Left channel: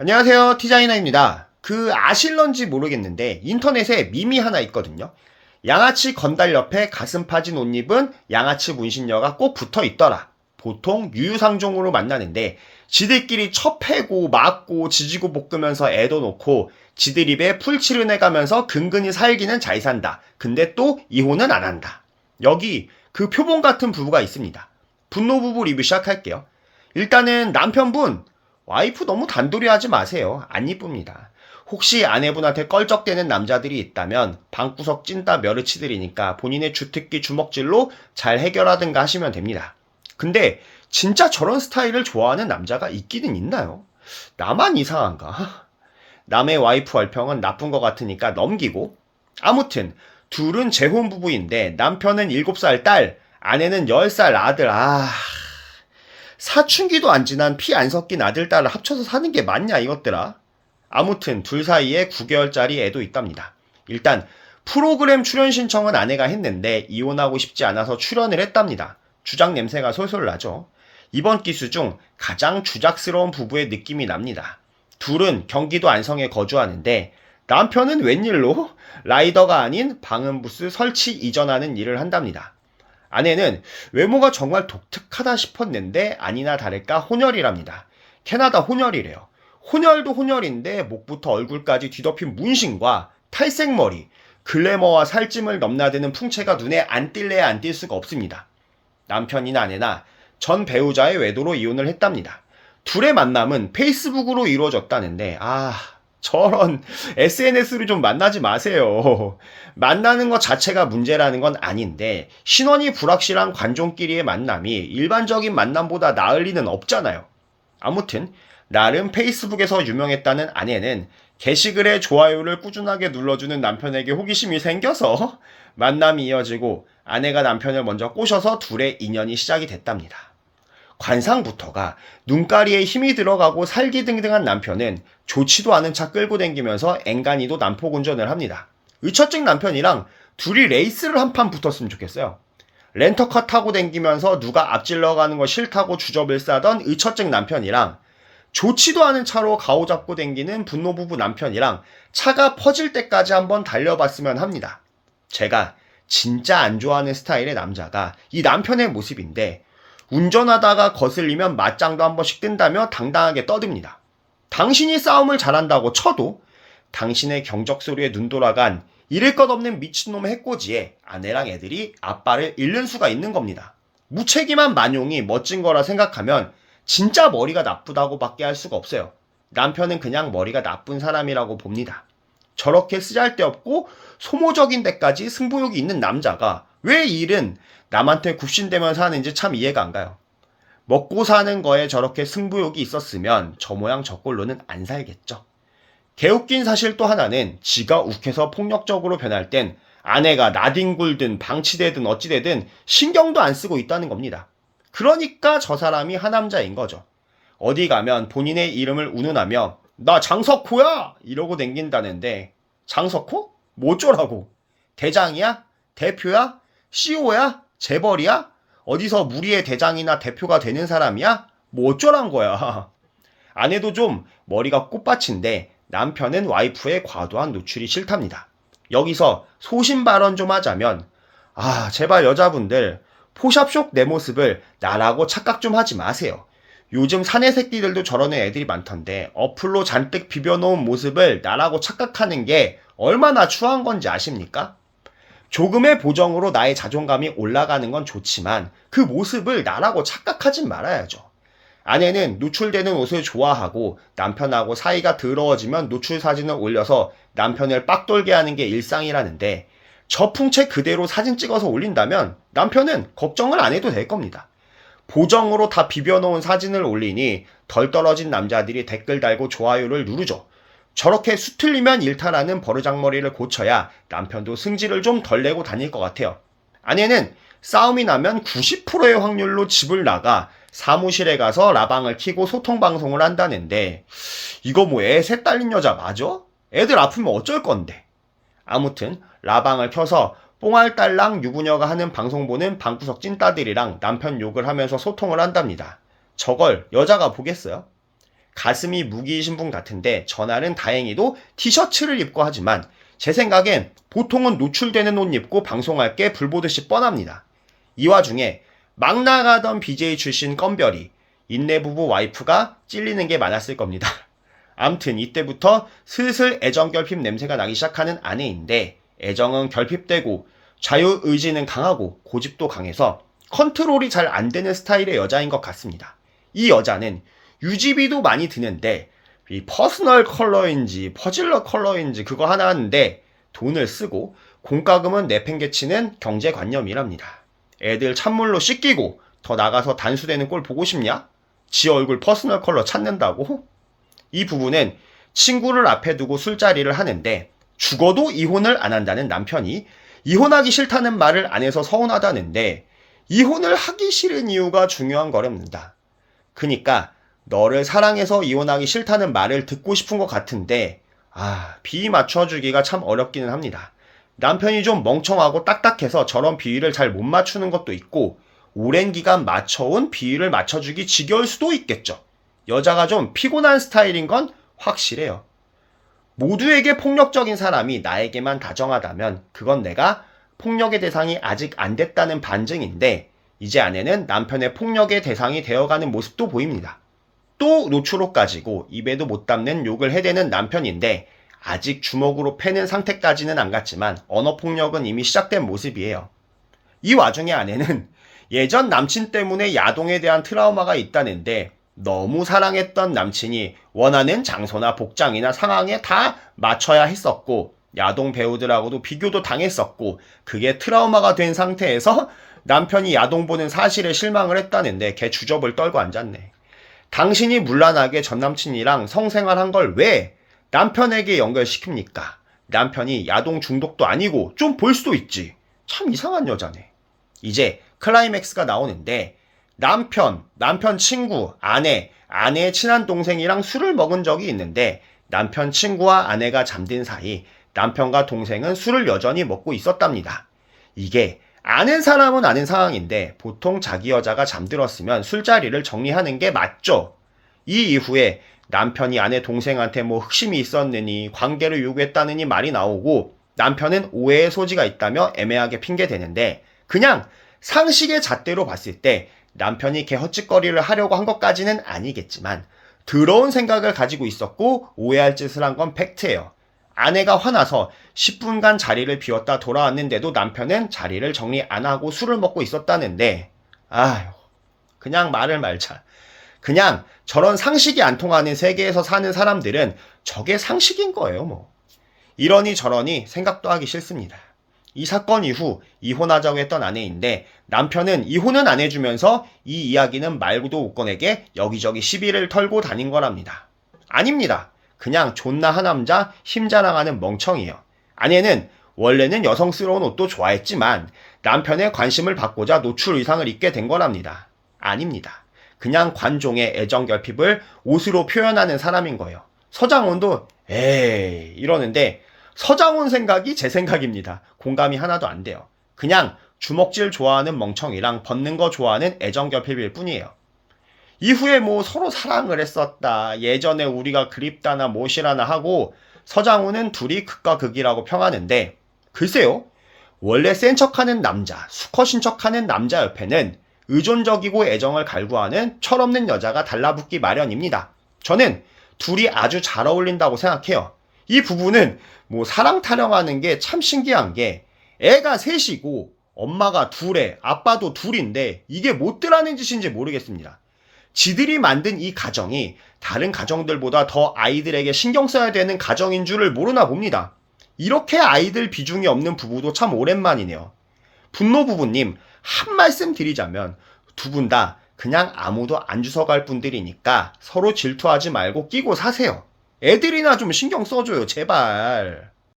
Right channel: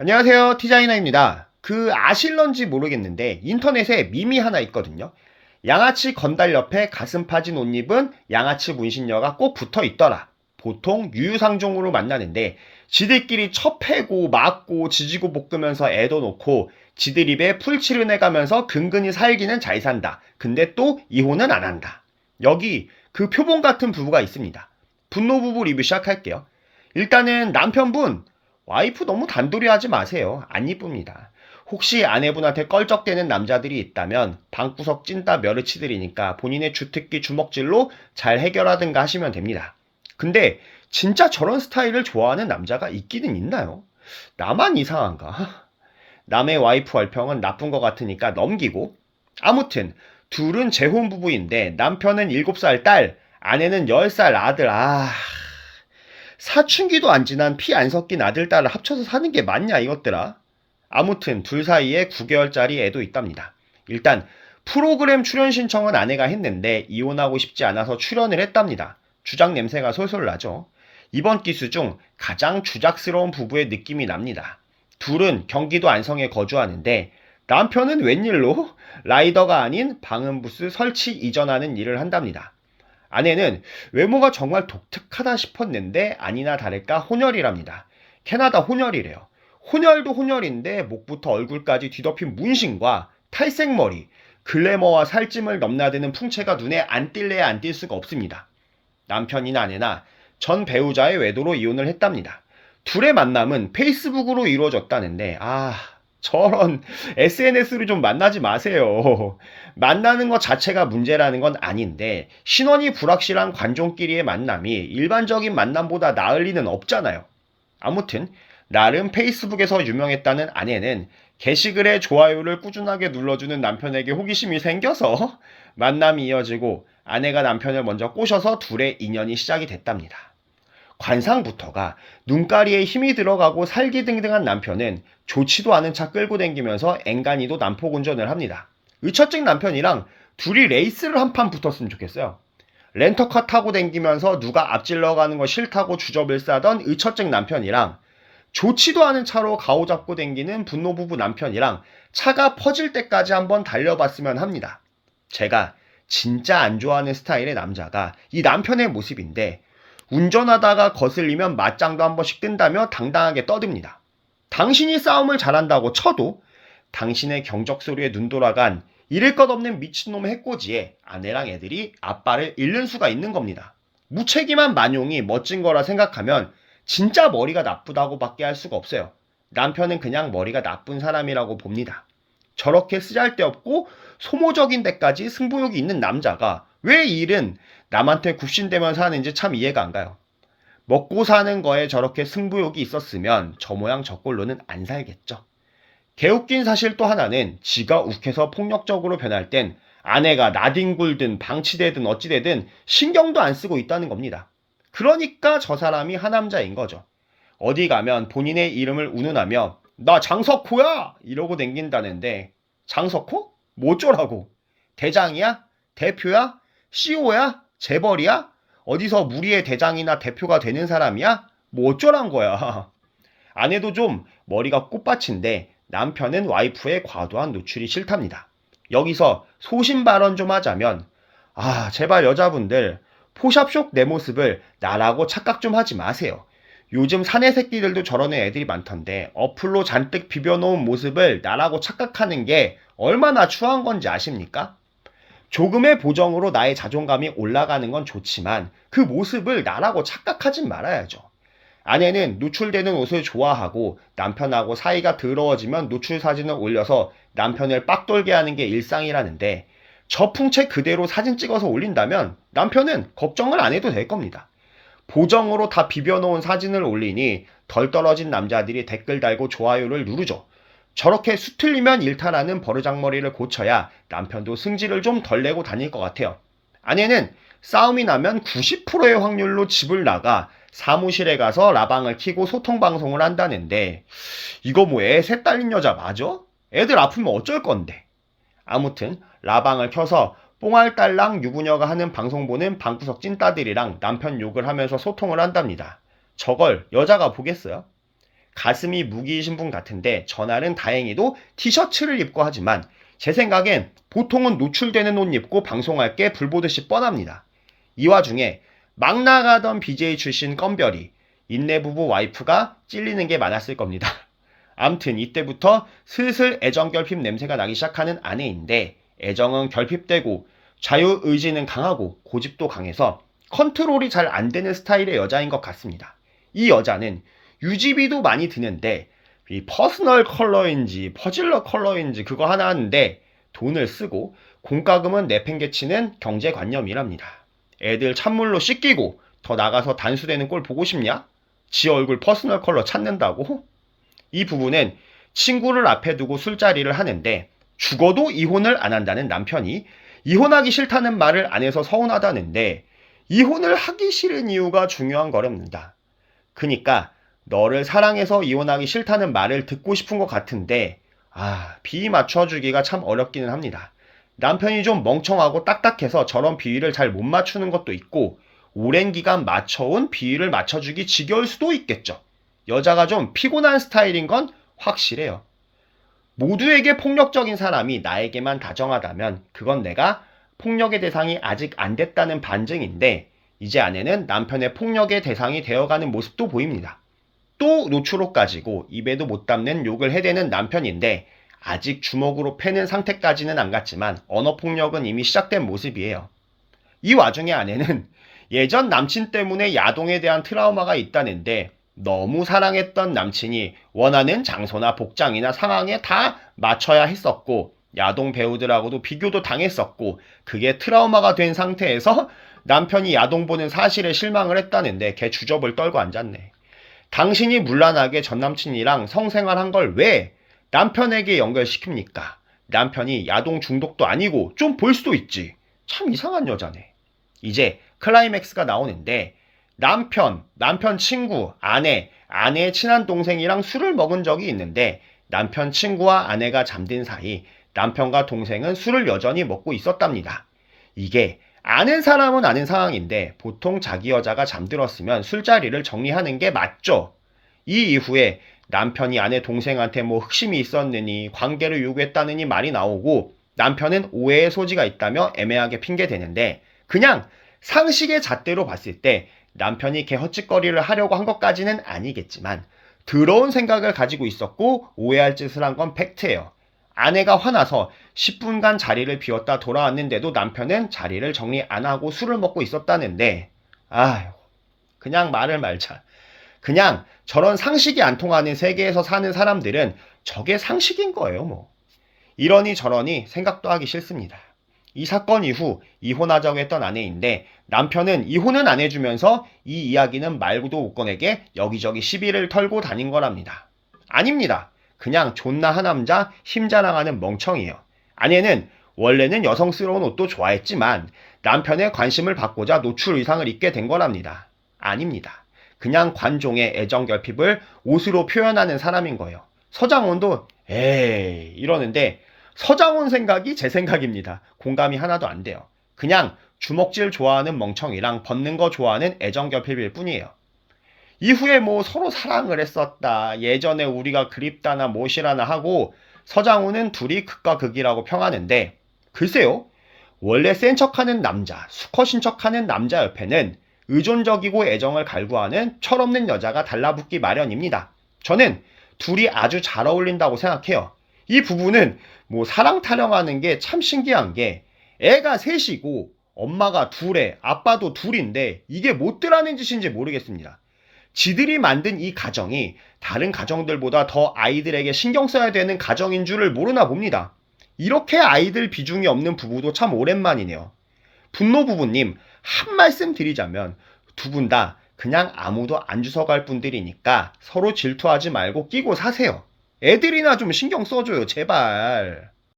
안녕하세요, 티자이나입니다. 아실런지 모르겠는데 인터넷에 밈이 하나 있거든요. 양아치 건달 옆에 가슴 파진 옷 입은 양아치 문신녀가 꼭 붙어 있더라. 보통 유유상종으로 만나는데 지들끼리 첩해고 맞고 지지고 볶으면서 애도 놓고 지들 입에 풀칠을 내가면서 근근히 살기는 잘 산다. 근데 또 이혼은 안 한다. 여기 표본 같은 부부가 있습니다. 분노 부부 리뷰 시작할게요. 일단은 남편분 와이프 너무 단돌이 하지 마세요. 안 이쁩니다. 혹시 아내분한테 껄쩍대는 남자들이 있다면 방구석 찐따 멸치들이니까 본인의 주특기 주먹질로 잘 해결하든가 하시면 됩니다. 근데 진짜 저런 스타일을 좋아하는 남자가 있기는 있나요? 나만 이상한가? 남의 와이프 얼평은 나쁜 것 같으니까 넘기고. 아무튼 둘은 재혼 부부인데 남편은 7살 딸, 아내는 10살 아들. 사춘기도 안 지난 피 안 섞인 아들, 딸을 합쳐서 사는 게 맞냐 이것들아. 아무튼 둘 사이에 9개월짜리 애도 있답니다. 일단 프로그램 출연 신청은 아내가 했는데 이혼하고 싶지 않아서 출연을 했답니다. 주작 냄새가 솔솔 나죠. 이번 기수 중 가장 주작스러운 부부의 느낌이 납니다. 둘은 경기도 안성에 거주하는데 남편은 웬일로 라이더가 아닌 방음부스 설치 이전하는 일을 한답니다. 아내는 외모가 정말 독특하다 싶었는데 아니나 다를까 혼혈이랍니다. 캐나다 혼혈이래요. 혼혈도 혼혈인데 목부터 얼굴까지 뒤덮인 문신과 탈색머리, 글래머와 살찜을 넘나드는 풍채가 눈에 안 띌래야 안 띌 수가 없습니다. 남편이나 아내나 전 배우자의 외도로 이혼을 했답니다. 둘의 만남은 페이스북으로 이루어졌다는데 저런 SNS로 좀 만나지 마세요. 만나는 것 자체가 문제라는 건 아닌데 신원이 불확실한 관종끼리의 만남이 일반적인 만남보다 나을 리는 없잖아요. 아무튼 나름 페이스북에서 유명했다는 아내는 게시글에 좋아요를 꾸준하게 눌러주는 남편에게 호기심이 생겨서 만남이 이어지고 아내가 남편을 먼저 꼬셔서 둘의 인연이 시작이 됐답니다. 관상부터가 눈가리에 힘이 들어가고 살기등등한 남편은 좋지도 않은 차 끌고 다니면서 앵간히도 난폭 운전을 합니다. 의처증 남편이랑 둘이 레이스를 한 판 붙었으면 좋겠어요. 렌터카 타고 다니면서 누가 앞질러 가는 거 싫다고 주접을 싸던 의처증 남편이랑 좋지도 않은 차로 가오잡고 다니는 분노부부 남편이랑 차가 퍼질 때까지 한번 달려봤으면 합니다. 제가 진짜 안 좋아하는 스타일의 남자가 이 남편의 모습인데 운전하다가 거슬리면 맞짱도 한 번씩 뜬다며 당당하게 떠듭니다. 당신이 싸움을 잘한다고 쳐도 당신의 경적 소리에 눈 돌아간 잃을 것 없는 미친놈 해코지에 아내랑 애들이 아빠를 잃는 수가 있는 겁니다. 무책임한 만용이 멋진 거라 생각하면 진짜 머리가 나쁘다고 밖에 할 수가 없어요. 남편은 그냥 머리가 나쁜 사람이라고 봅니다. 저렇게 쓰잘데없고 소모적인 데까지 승부욕이 있는 남자가 왜 일은 남한테 굽신대면서 하는지 참 이해가 안 가요. 먹고 사는 거에 저렇게 승부욕이 있었으면 저 모양 저 꼴로는 안 살겠죠. 개웃긴 사실 또 하나는 지가 욱해서 폭력적으로 변할 땐 아내가 나뒹굴든 방치되든 어찌되든 신경도 안 쓰고 있다는 겁니다. 그러니까 저 사람이 하남자인 거죠. 어디 가면 본인의 이름을 운운하며 나 장석호야! 이러고 댕긴다는데 장석호? 뭐 어쩌라고? 대장이야? 대표야? CEO야? 재벌이야? 어디서 무리의 대장이나 대표가 되는 사람이야? 뭐 어쩌란 거야. 아내도 좀 머리가 꽃밭인데 남편은 와이프의 과도한 노출이 싫답니다. 여기서 소신 발언 좀 하자면 제발 여자분들 포샵쇼 내 모습을 나라고 착각 좀 하지 마세요. 요즘 사내 새끼들도 저러는 애들이 많던데 어플로 잔뜩 비벼놓은 모습을 나라고 착각하는 게 얼마나 추한 건지 아십니까? 조금의 보정으로 나의 자존감이 올라가는 건 좋지만 그 모습을 나라고 착각하진 말아야죠. 아내는 노출되는 옷을 좋아하고 남편하고 사이가 더러워지면 노출 사진을 올려서 남편을 빡돌게 하는 게 일상이라는데 저 풍채 그대로 사진 찍어서 올린다면 남편은 걱정을 안 해도 될 겁니다. 보정으로 다 비벼놓은 사진을 올리니 덜 떨어진 남자들이 댓글 달고 좋아요를 누르죠. 저렇게 수틀리면 일탈하는 버르장머리를 고쳐야 남편도 승질을 좀 덜 내고 다닐 것 같아요. 아내는 싸움이 나면 90%의 확률로 집을 나가 사무실에 가서 라방을 켜고 소통방송을 한다는데 이거 뭐 애 셋 딸린 여자 맞아? 애들 아프면 어쩔 건데. 아무튼 라방을 켜서 뽕알딸랑 유부녀가 하는 방송 보는 방구석 찐따들이랑 남편 욕을 하면서 소통을 한답니다. 저걸 여자가 보겠어요? 가슴이 무기이신 분 같은데 전날은 다행히도 티셔츠를 입고 하지만 제 생각엔 보통은 노출되는 옷 입고 방송할 게 불보듯이 뻔합니다. 이 와중에 막 나가던 BJ 출신 껌별이 인내부부 와이프가 찔리는 게 많았을 겁니다. 암튼 이때부터 슬슬 애정 결핍 냄새가 나기 시작하는 아내인데 애정은 결핍되고 자유의지는 강하고 고집도 강해서 컨트롤이 잘 안 되는 스타일의 여자인 것 같습니다. 이 여자는 유지비도 많이 드는데 이 퍼스널 컬러인지 퍼질러 컬러인지 그거 하나 하는데 돈을 쓰고 공과금은 내팽개치는 경제관념이랍니다. 애들 찬물로 씻기고 더 나가서 단수되는 꼴 보고 싶냐? 지 얼굴 퍼스널 컬러 찾는다고? 이 부부는 친구를 앞에 두고 술자리를 하는데 죽어도 이혼을 안 한다는 남편이 이혼하기 싫다는 말을 안 해서 서운하다는데 이혼을 하기 싫은 이유가 중요한 거랍니다. 그니까 너를 사랑해서 이혼하기 싫다는 말을 듣고 싶은 것 같은데 비 맞춰주기가 참 어렵기는 합니다. 남편이 좀 멍청하고 딱딱해서 저런 비위를 잘 못 맞추는 것도 있고 오랜 기간 맞춰온 비위를 맞춰주기 지겨울 수도 있겠죠. 여자가 좀 피곤한 스타일인 건 확실해요. 모두에게 폭력적인 사람이 나에게만 다정하다면 그건 내가 폭력의 대상이 아직 안 됐다는 반증인데 이제 아내는 남편의 폭력의 대상이 되어가는 모습도 보입니다. 또 노출옷 가지고 입에도 못 담는 욕을 해대는 남편인데 아직 주먹으로 패는 상태까지는 안 갔지만 언어폭력은 이미 시작된 모습이에요. 이 와중에 아내는 예전 남친 때문에 야동에 대한 트라우마가 있다는데 너무 사랑했던 남친이 원하는 장소나 복장이나 상황에 다 맞춰야 했었고 야동 배우들하고도 비교도 당했었고 그게 트라우마가 된 상태에서 남편이 야동 보는 사실에 실망을 했다는데 걔 주접을 떨고 앉았네. 당신이 문란하게 전남친이랑 성생활한 걸 왜 남편에게 연결시킵니까? 남편이 야동 중독도 아니고 좀 볼 수도 있지. 참 이상한 여자네. 이제 클라이맥스가 나오는데 남편 친구, 아내의 친한 동생이랑 술을 먹은 적이 있는데 남편 친구와 아내가 잠든 사이 남편과 동생은 술을 여전히 먹고 있었답니다. 이게 아는 사람은 아는 상황인데 보통 자기 여자가 잠들었으면 술자리를 정리하는 게 맞죠. 이 이후에 남편이 아내 동생한테 뭐 흑심이 있었느니 관계를 요구했다느니 말이 나오고 남편은 오해의 소지가 있다며 애매하게 핑계대는데 그냥 상식의 잣대로 봤을 때 남편이 걔 헛짓거리를 하려고 한 것까지는 아니겠지만 더러운 생각을 가지고 있었고 오해할 짓을 한 건 팩트예요. 아내가 화나서 10분간 자리를 비웠다 돌아왔는데도 남편은 자리를 정리 안 하고 술을 먹고 있었다는데 그냥 말을 말자. 그냥 저런 상식이 안 통하는 세계에서 사는 사람들은 저게 상식인 거예요 뭐. 이러니 저러니 생각도 하기 싫습니다. 이 사건 이후 이혼하자고 했던 아내인데 남편은 이혼은 안 해주면서 이 이야기는 말고도 못 꺼내게 여기저기 시비를 털고 다닌 거랍니다. 아닙니다. 그냥 존나 하남자 힘자랑하는 멍청이에요. 아내는 원래는 여성스러운 옷도 좋아했지만 남편의 관심을 받고자 노출 의상을 입게 된 거랍니다. 아닙니다. 그냥 관종의 애정 결핍을 옷으로 표현하는 사람인 거예요. 서장훈도 에이 이러는데 서장훈 생각이 제 생각입니다. 공감이 하나도 안 돼요. 그냥 주먹질 좋아하는 멍청이랑 벗는 거 좋아하는 애정결핍일 뿐이에요. 이후에 뭐 서로 사랑을 했었다. 예전에 우리가 그립다나 뭐시라나 하고 서장훈은 둘이 극과 극이라고 평하는데 글쎄요. 원래 센 척하는 남자, 수컷인 척하는 남자 옆에는 의존적이고 애정을 갈구하는 철없는 여자가 달라붙기 마련입니다. 저는 둘이 아주 잘 어울린다고 생각해요. 이 부부는 뭐 사랑 타령하는 게 참 신기한 게 애가 셋이고 엄마가 둘에 아빠도 둘인데 이게 못들 하는 짓인지 모르겠습니다. 지들이 만든 이 가정이 다른 가정들보다 더 아이들에게 신경 써야 되는 가정인 줄을 모르나 봅니다. 이렇게 아이들 비중이 없는 부부도 참 오랜만이네요. 분노 부부님 한 말씀 드리자면 두 분 다 그냥 아무도 안 주워갈 분들이니까 서로 질투하지 말고 끼고 사세요. 애들이나 좀 신경 써줘요 제발.